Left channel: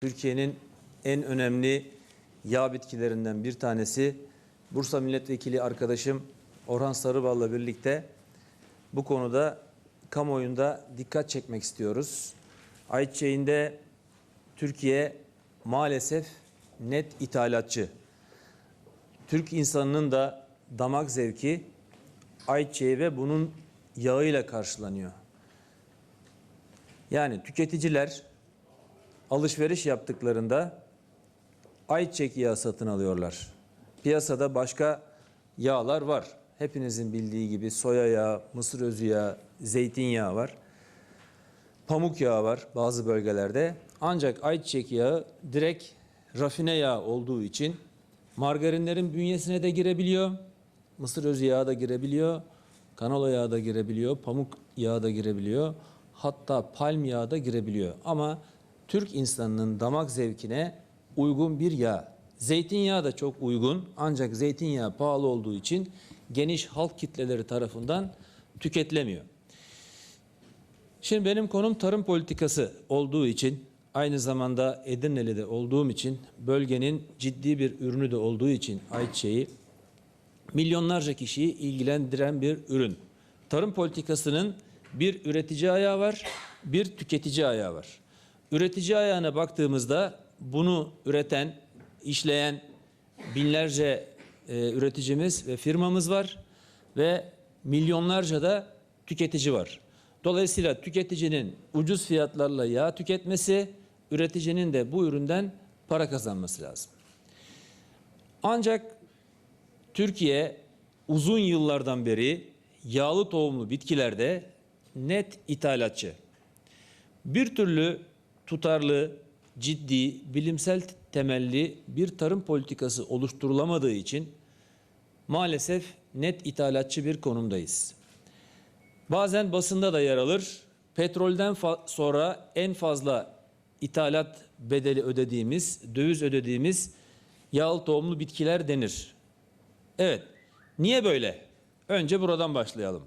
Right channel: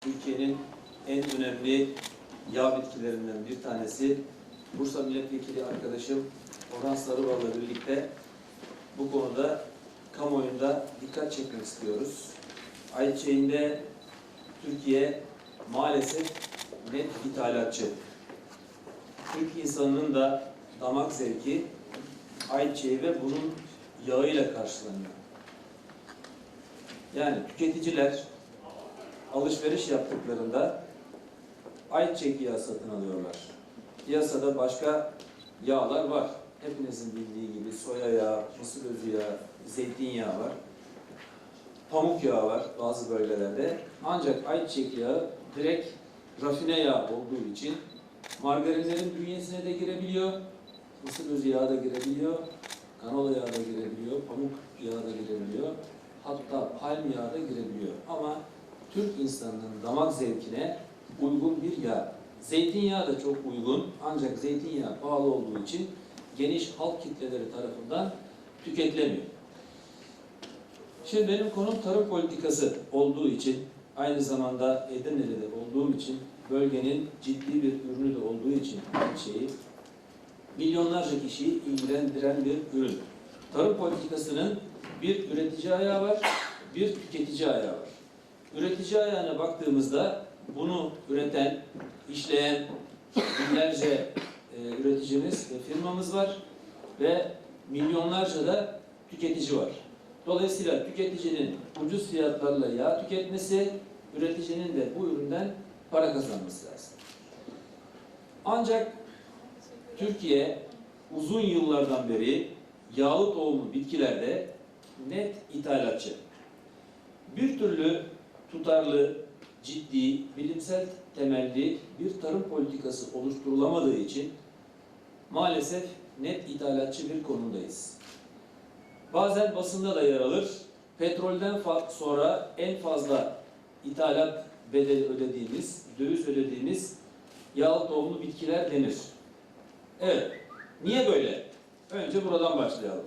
Türkiye'nin en önemli yağ bitkilerinden bir tanesi. Bursa Milletvekili arkadaşım Orhan Sarıbal'la birlikte bu konuda kamuoyunda dikkat çekmek istiyoruz. Ayçiçeğinde Türkiye maalesef net ithalatçı. Türk insanının da damak zevki ayçiçeği ve bunun yağıyla karşılanıyor. Yani tüketiciler alışveriş yaptıklarında ayçiçek yağı satın alıyorlar. Piyasada başka yağlar var. Hepinizin bildiği gibi soya yağı, mısır özü yağı, zeytinyağı var. Pamuk yağı var bazı bölgelerde. Ancak ayçiçek yağı direkt rafine yağ olduğu için margarinlerin bünyesine de girebiliyor. Mısır özü yağı da girebiliyor. Kanola yağı da girebiliyor. Pamuk yağı da girebiliyor. Hatta palm yağı da girebiliyor. Ama Türk insanının damak zevkine uygun bir yağ. Zeytinyağı da çok uygun ancak zeytinyağı pahalı olduğu için geniş halk kitleleri tarafından tüketilemiyor. Şimdi benim konum tarım politikası olduğu için aynı zamanda Edirne'de olduğum için bölgenin ciddi bir ürünü de olduğu için ayçiçeği milyonlarca kişiyi ilgilendiren bir ürün. Tarım politikasının bir üretici ayağı var, bir tüketici ayağı var. Üretici ayağına baktığımızda bunu üreten, işleyen binlerce e, üreticimiz ve firmamız var ve milyonlarca da tüketici var. Dolayısıyla tüketicinin ucuz fiyatlarla yağ tüketmesi, üreticinin de bu üründen para kazanması lazım. Ancak Türkiye uzun yıllardan beri yağlı tohumlu bitkilerde net ithalatçı. Bir türlü tutarlı, ciddi, bilimsel temelli bir tarım politikası oluşturulamadığı için maalesef net ithalatçı bir konumdayız. Bazen basında da yer alır. Petrolden sonra en fazla ithalat bedeli ödediğimiz, döviz ödediğimiz yağlı tohumlu bitkiler denir. Evet. Niye böyle? Önce buradan başlayalım.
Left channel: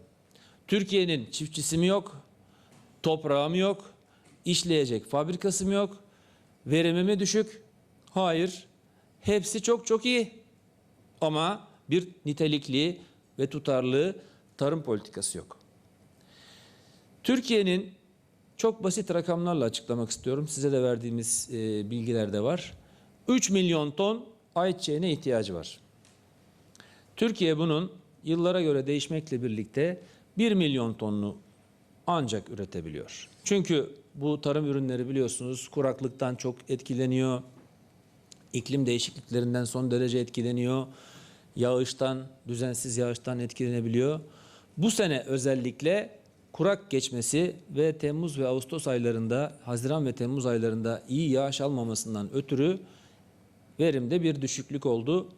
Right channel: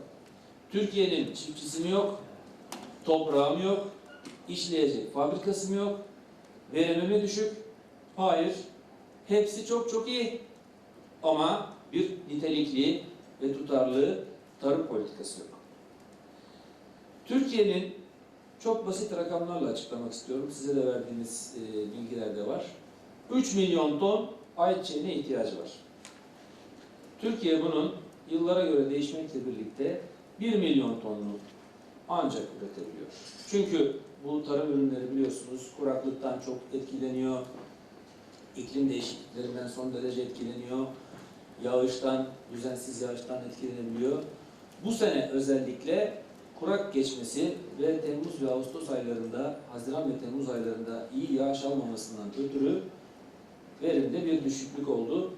Türkiye'nin çiftçisi mi yok? Toprağı mı yok? İşleyecek fabrikası mı yok? Verimi mi düşük? Hayır. Hepsi çok çok iyi. Ama bir nitelikli ve tutarlı tarım politikası yok. Türkiye'nin çok basit rakamlarla açıklamak istiyorum. Size de verdiğimiz e, bilgiler de var. 3 milyon ton ayçiçeğine ihtiyacı var. Türkiye bunun yıllara göre değişmekle birlikte 1 milyon tonlu ancak üretebiliyor. Çünkü bu tarım ürünleri biliyorsunuz kuraklıktan çok etkileniyor. iklim değişikliklerinden son derece etkileniyor. Yağıştan, düzensiz yağıştan etkilenebiliyor. Bu sene özellikle kurak geçmesi ve Temmuz ve Ağustos aylarında, Haziran ve Temmuz aylarında iyi yağış almamasından ötürü verimde bir düşüklük oldu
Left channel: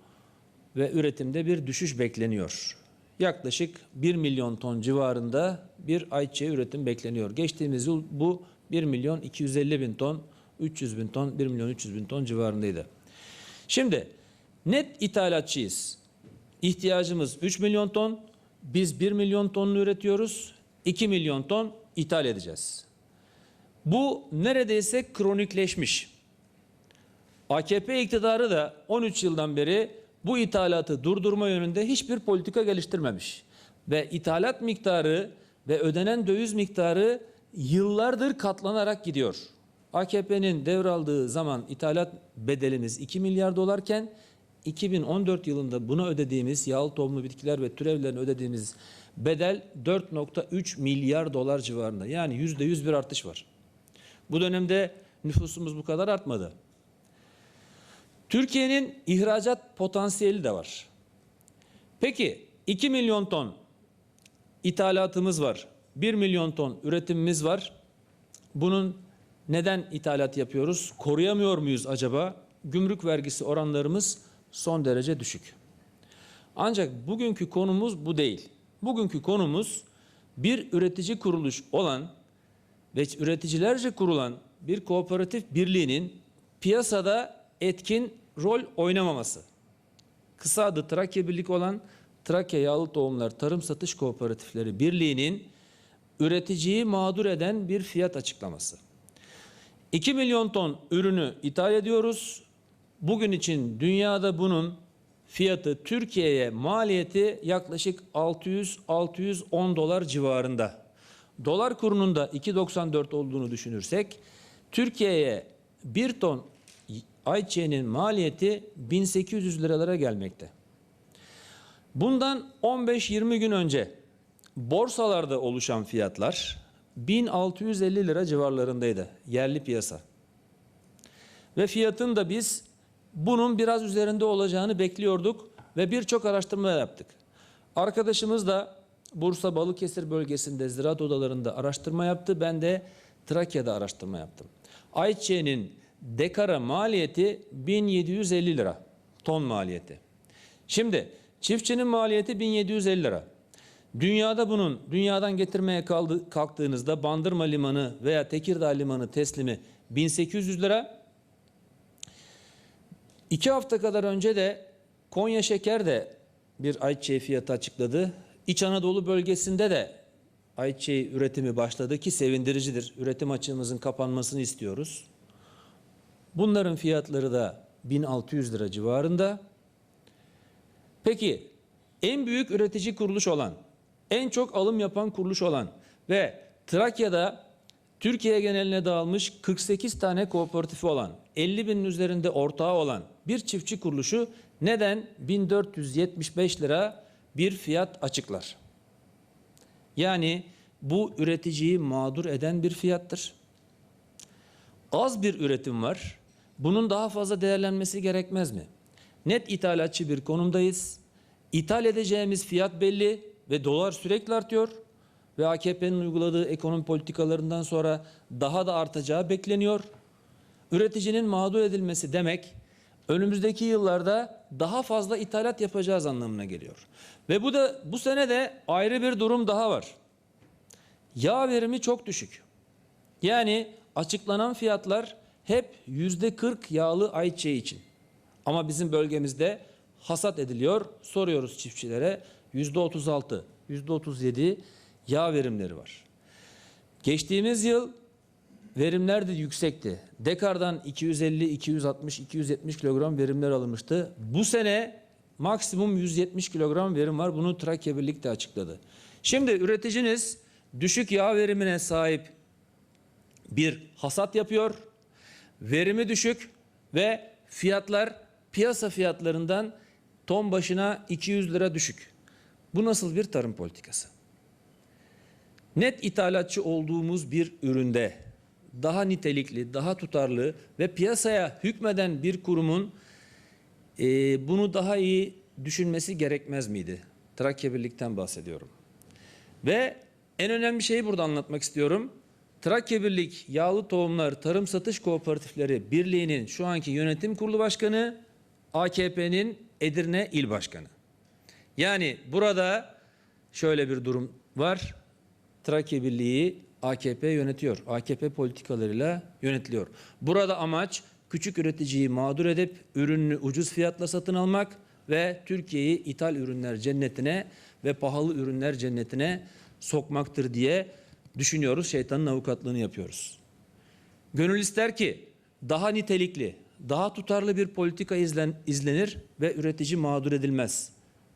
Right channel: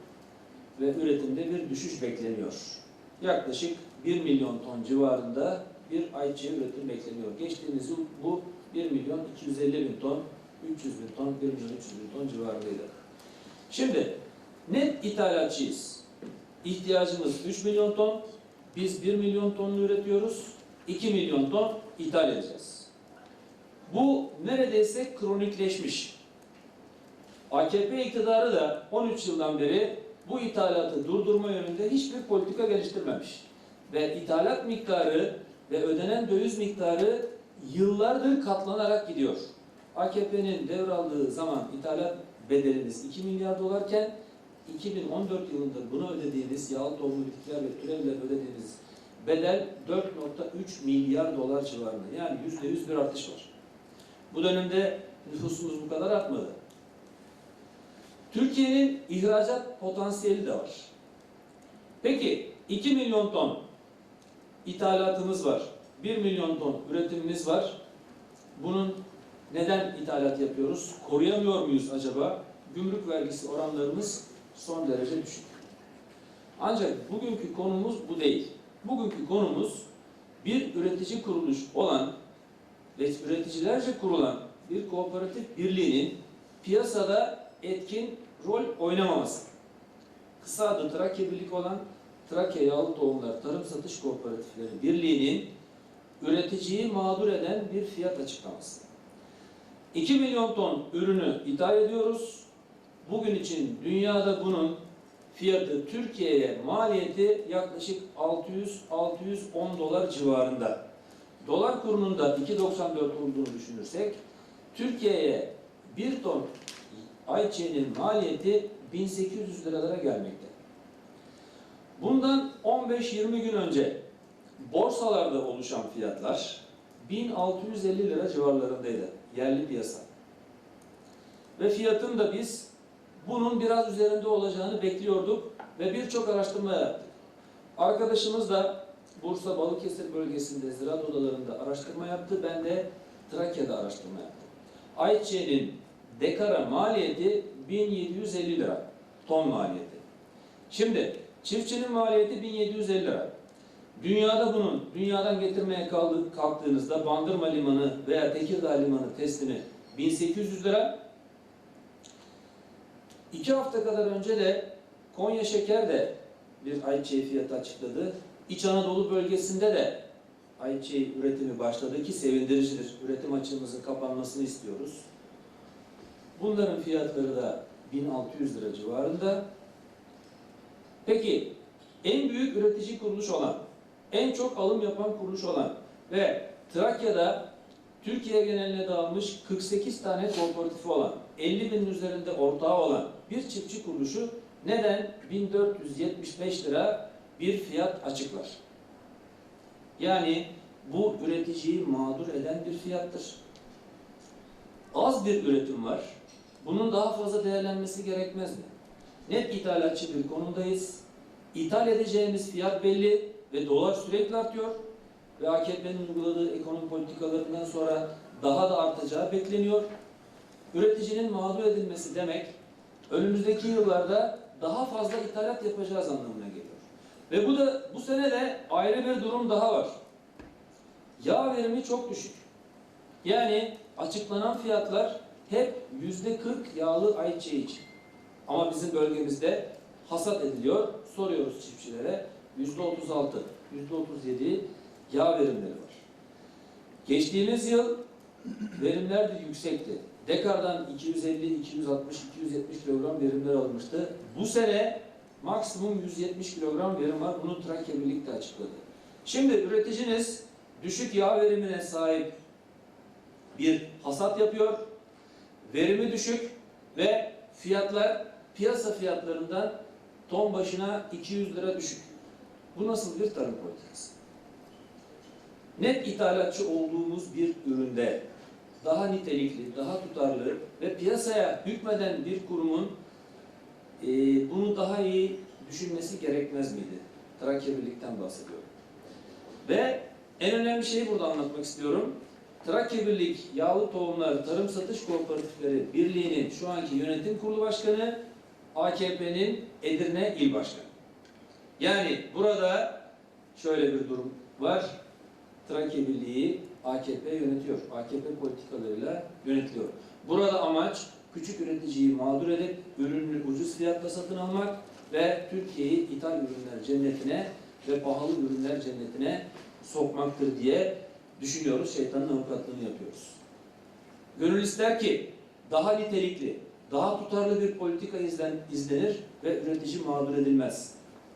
ve üretimde bir düşüş bekleniyor. Yaklaşık 1 milyon ton civarında bir ayçiçeği üretim bekleniyor. Geçtiğimiz yıl bu 1 milyon 250 bin ton, 300 bin ton, 1 milyon 300 bin ton civarındaydı. Şimdi net ithalatçıyız. İhtiyacımız 3 milyon ton. Biz 1 milyon tonunu üretiyoruz. 2 milyon ton ithal edeceğiz. Bu neredeyse kronikleşmiş. AKP iktidarı da 13 yıldan beri bu ithalatı durdurma yönünde hiçbir politika geliştirmemiş. Ve ithalat miktarı ve ödenen döviz miktarı yıllardır katlanarak gidiyor. AKP'nin devraldığı zaman ithalat bedeliniz 2 milyar dolarken 2014 yılında buna ödediğimiz yağlı tohumlu bitkiler ve türevlerine ödediğimiz bedel 4.3 milyar dolar civarında. Yani %100 bir artış var. Bu dönemde nüfusumuz bu kadar artmadı. Türkiye'nin ihracat potansiyeli de var. Peki 2 milyon ton ithalatımız var. 1 milyon ton üretimimiz var. Bunun neden ithalat yapıyoruz? Koruyamıyor muyuz acaba? Gümrük vergisi oranlarımız son derece düşük. Ancak bugünkü konumuz bu değil. Bugünkü konumuz bir üretici kuruluş olan ve üreticilerce kurulan bir kooperatif birliğinin piyasada etkin rol oynamaması. Kısa adı Trakya Birlik olan Trakya Yağlı Tohumlar Tarım Satış Kooperatifleri Birliği'nin üreticiyi mağdur eden bir fiyat açıklaması. 2 milyon ton ürünü ithal ediyoruz. Bugün için dünyada bunun fiyatı Türkiye'ye maliyeti yaklaşık 600-610 dolar civarında. Dolar kurunun da 2.94 olduğunu düşünürsek Türkiye'ye 1 ton ayçiçeğinin maliyeti 1800 liralara gelmekte. Bundan 15-20 gün önce borsalarda oluşan fiyatlar 1650 lira civarlarındaydı yerli piyasa. Ve fiyatın da biz bunun biraz üzerinde olacağını bekliyorduk ve birçok araştırma yaptık. Arkadaşımız da Bursa Balıkesir bölgesinde ziraat odalarında araştırma yaptı. Ben de Trakya'da araştırma yaptım. Ayçiçeğinin dekara maliyeti 1750 lira ton maliyeti. Şimdi çiftçinin maliyeti 1750 lira. Dünyada bunun dünyadan getirmeye kaldı, kalktığınızda Bandırma Limanı veya Tekirdağ Limanı teslimi 1800 lira. İki hafta kadar önce de Konya Şeker de bir ayçiçeği fiyatı açıkladı. İç Anadolu bölgesinde de ayçiçeği üretimi başladı ki sevindiricidir. Üretim açığımızın kapanmasını istiyoruz. Bunların fiyatları da 1600 lira civarında. Peki en büyük üretici kuruluş olan, en çok alım yapan kuruluş olan ve Trakya'da Türkiye geneline dağılmış 48 tane kooperatifi olan, 50 binin üzerinde ortağı olan bir çiftçi kuruluşu neden 1475 lira bir fiyat açıklar? Yani bu üreticiyi mağdur eden bir fiyattır. Az bir üretim var. Bunun daha fazla değerlenmesi gerekmez mi? Net ithalatçı bir konumdayız. İthal edeceğimiz fiyat belli ve dolar sürekli artıyor ve AKP'nin uyguladığı ekonomi politikalarından sonra daha da artacağı bekleniyor. Üreticinin mağdur edilmesi demek önümüzdeki yıllarda daha fazla ithalat yapacağız anlamına geliyor. Ve bu da bu sene de ayrı bir durum daha var. Yağ verimi çok düşük. Yani açıklanan fiyatlar hep yüzde 40 yağlı ayçiçeği için. Ama bizim bölgemizde hasat ediliyor. Soruyoruz çiftçilere yüzde 36, yüzde 37 yağ verimleri var. Geçtiğimiz yıl verimler de yüksekti. Dekardan 250, 260, 270 kilogram verimler alınmıştı. Bu sene maksimum 170 kilogram verim var. Bunu Trakya birlikte açıkladı. Şimdi üreticiniz düşük yağ verimine sahip bir hasat yapıyor. Verimi düşük ve fiyatlar piyasa fiyatlarından ton başına 200 lira düşük. Bu nasıl bir tarım politikası? Net ithalatçı olduğumuz bir üründe daha nitelikli, daha tutarlı ve piyasaya hükmeden bir kurumun e, bunu daha iyi düşünmesi gerekmez miydi? Trakya Birlik'ten bahsediyorum. Ve en önemli şeyi burada anlatmak istiyorum. Trakya Birlik Yağlı Tohumlar Tarım Satış Kooperatifleri Birliği'nin şu anki yönetim kurulu başkanı AKP'nin Edirne İl Başkanı. Yani burada şöyle bir durum var. Trakya Birliği AKP yönetiyor. AKP politikalarıyla yönetiliyor. Burada amaç küçük üreticiyi mağdur edip ürünü ucuz fiyatla satın almak ve Türkiye'yi ithal ürünler cennetine ve pahalı ürünler cennetine sokmaktır diye düşünüyoruz. Şeytanın avukatlığını yapıyoruz. Gönül ister ki daha nitelikli, daha tutarlı bir politika izlen, izlenir ve üretici mağdur edilmez.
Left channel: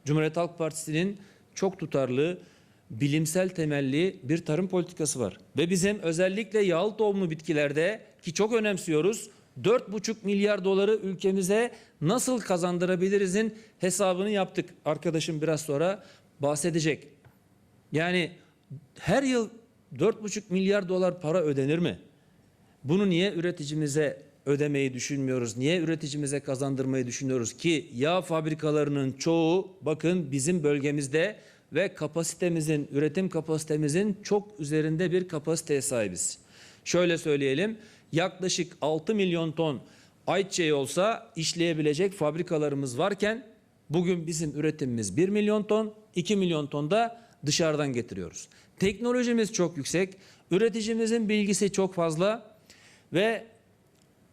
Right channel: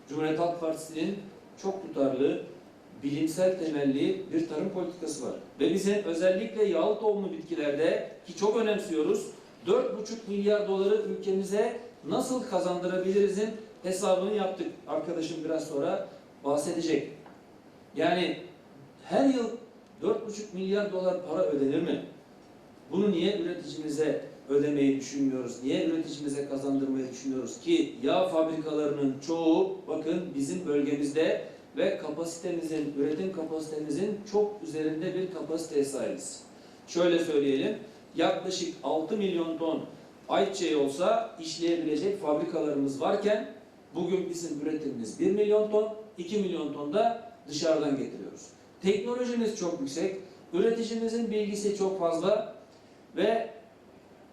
Cumhuriyet Halk Partisi'nin çok tutarlı, bilimsel temelli bir tarım politikası var. Ve bizim özellikle yağlı tohumlu bitkilerde ki çok önemsiyoruz 4,5 milyar doları ülkemize nasıl kazandırabilirizin hesabını yaptık. Arkadaşım biraz sonra bahsedecek. Yani her yıl 4,5 milyar dolar para ödenir mi? Bunu niye üreticimize ödemeyi düşünmüyoruz? Niye üreticimize kazandırmayı düşünüyoruz ki yağ fabrikalarının çoğu bakın bizim bölgemizde ve kapasitemizin, üretim kapasitemizin çok üzerinde bir kapasiteye sahibiz. Şöyle söyleyelim, yaklaşık 6 milyon ton ayçiçeği olsa işleyebilecek fabrikalarımız varken bugün bizim üretimimiz 1 milyon ton, 2 milyon ton da dışarıdan getiriyoruz. Teknolojimiz çok yüksek, üreticimizin bilgisi çok fazla ve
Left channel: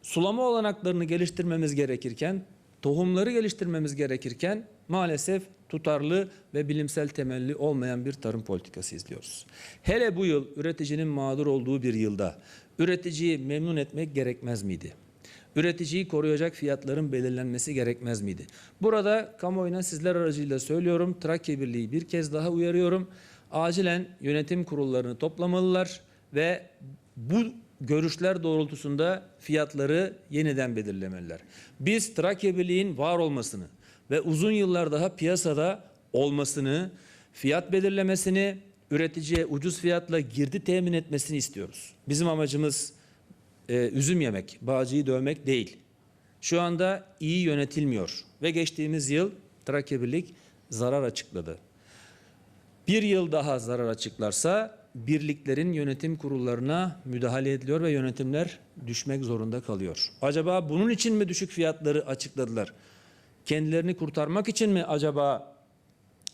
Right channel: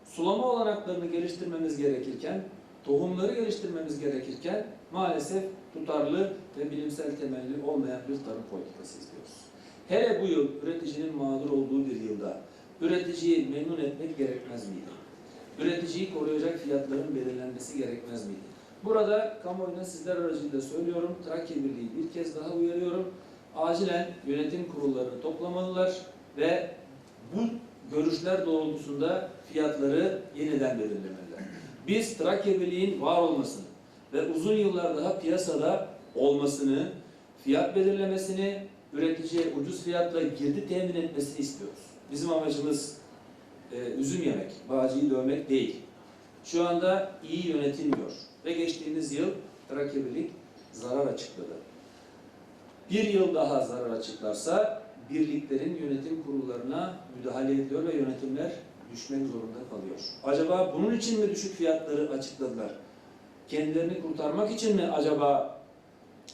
sulama olanaklarını geliştirmemiz gerekirken, tohumları geliştirmemiz gerekirken maalesef tutarlı ve bilimsel temelli olmayan bir tarım politikası izliyoruz. Hele bu yıl üreticinin mağdur olduğu bir yılda Üreticiyi memnun etmek gerekmez miydi? Üreticiyi koruyacak fiyatların belirlenmesi gerekmez miydi? Burada kamuoyuna sizler aracıyla söylüyorum. Trakya Birliği bir kez daha uyarıyorum. Acilen yönetim kurullarını toplamalılar ve bu görüşler doğrultusunda fiyatları yeniden belirlemeliler. Biz Trakya Birliği'nin var olmasını ve uzun yıllar daha piyasada olmasını, fiyat belirlemesini, üreticiye ucuz fiyatla girdi temin etmesini istiyoruz. Bizim amacımız e, üzüm yemek, bağcıyı dövmek değil. Şu anda iyi yönetilmiyor ve geçtiğimiz yıl Trakya Birlik zarar açıkladı. Bir yıl daha zarar açıklarsa birliklerin yönetim kurullarına müdahale ediliyor ve yönetimler düşmek zorunda kalıyor. Acaba bunun için mi düşük fiyatları açıkladılar? Kendilerini kurtarmak için mi acaba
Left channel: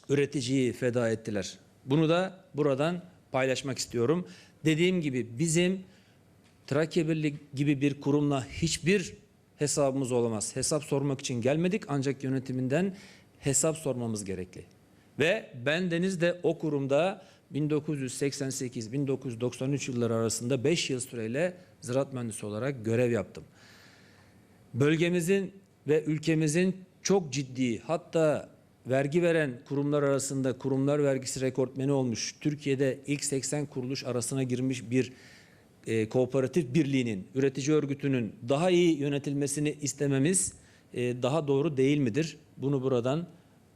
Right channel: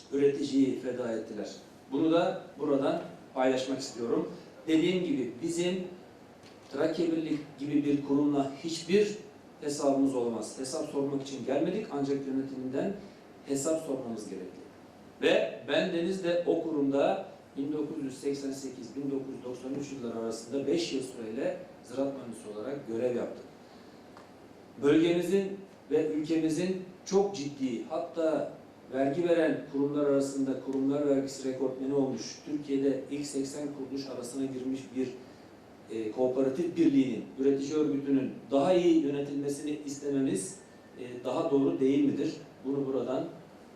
üreticiyi feda ettiler? Bunu da buradan paylaşmak istiyorum. Dediğim gibi bizim Trakya Birlik gibi bir kurumla hiçbir hesabımız olamaz. Hesap sormak için gelmedik ancak yönetiminden hesap sormamız gerekli. Ve ben Deniz de o kurumda 1988-1993 yılları arasında 5 yıl süreyle ziraat mühendisi olarak görev yaptım. Bölgemizin ve ülkemizin çok ciddi hatta vergi veren kurumlar arasında kurumlar vergisi rekortmeni olmuş, Türkiye'de ilk 80 kuruluş arasına girmiş bir e, kooperatif birliğinin, üretici örgütünün daha iyi yönetilmesini istememiz e, daha doğru değil midir? Bunu buradan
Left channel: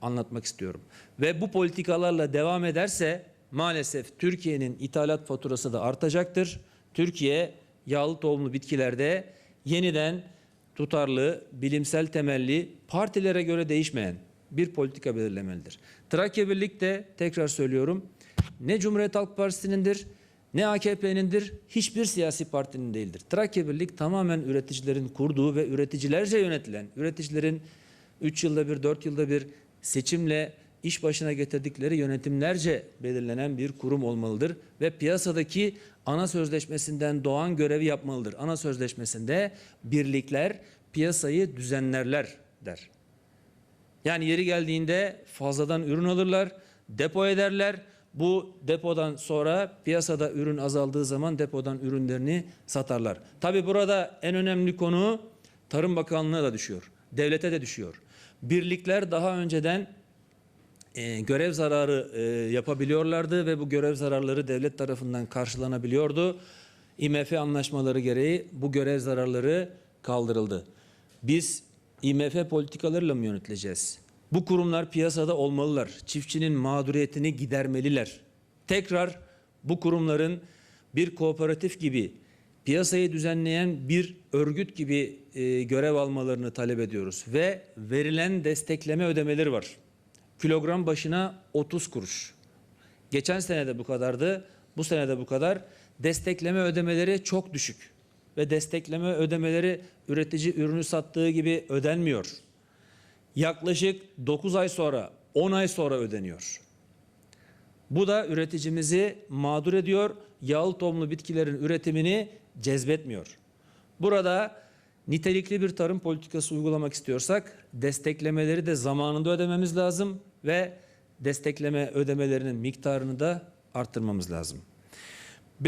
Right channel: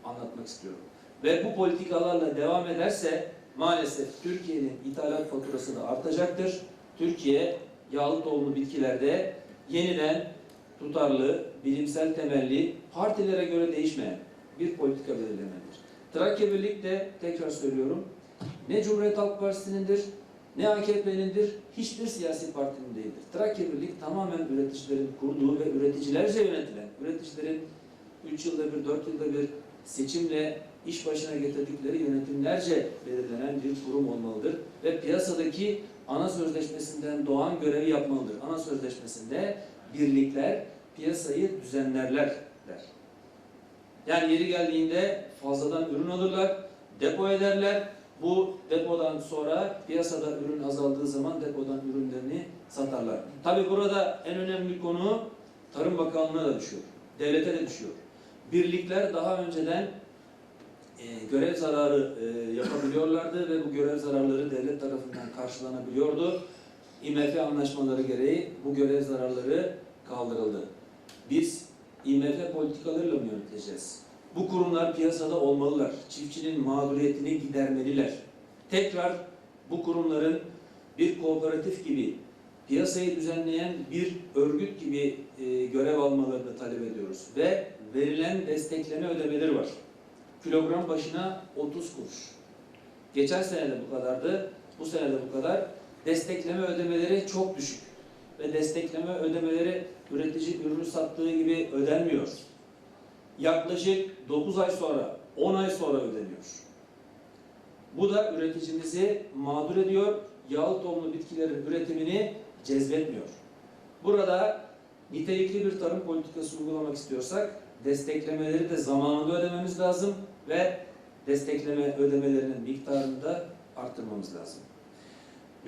anlatmak istiyorum. Ve bu politikalarla devam ederse maalesef Türkiye'nin ithalat faturası da artacaktır. Türkiye yağlı tohumlu bitkilerde yeniden tutarlı, bilimsel temelli, partilere göre değişmeyen bir politika belirlemelidir. Trakya Birlik de tekrar söylüyorum ne Cumhuriyet Halk Partisi'nindir ne AKP'nindir, hiçbir siyasi partinin değildir. Trakya Birlik tamamen üreticilerin kurduğu ve üreticilerce yönetilen, üreticilerin 3 yılda bir, 4 yılda bir seçimle iş başına getirdikleri yönetimlerce belirlenen bir kurum olmalıdır. Ve piyasadaki ana sözleşmesinden doğan görevi yapmalıdır. Ana sözleşmesinde birlikler piyasayı düzenlerler der. Yani yeri geldiğinde fazladan ürün alırlar, depo ederler. Bu depodan sonra piyasada ürün azaldığı zaman depodan ürünlerini satarlar. Tabi burada en önemli konu Tarım Bakanlığı'na da düşüyor. Devlete de düşüyor. Birlikler daha önceden e, görev zararı e, yapabiliyorlardı ve bu görev zararları devlet tarafından karşılanabiliyordu. IMF anlaşmaları gereği bu görev zararları kaldırıldı. Biz IMF politikalarıyla mı yönetileceğiz? Bu kurumlar piyasada olmalılar. Çiftçinin mağduriyetini gidermeliler. Tekrar bu kurumların bir kooperatif gibi piyasayı düzenleyen bir örgüt gibi e, görev almalarını talep ediyoruz ve verilen destekleme ödemeleri var. Kilogram başına 30 kuruş. Geçen sene de bu kadardı, bu sene de bu kadar. Destekleme ödemeleri çok düşük ve destekleme ödemeleri üretici ürünü sattığı gibi ödenmiyor. Yaklaşık 9 ay sonra, 10 ay sonra ödeniyor. Bu da üreticimizi mağdur ediyor. Yağlı tohumlu bitkilerin üretimini cezbetmiyor. Burada nitelikli bir tarım politikası uygulamak istiyorsak desteklemeleri de zamanında ödememiz lazım ve destekleme ödemelerinin miktarını da arttırmamız lazım.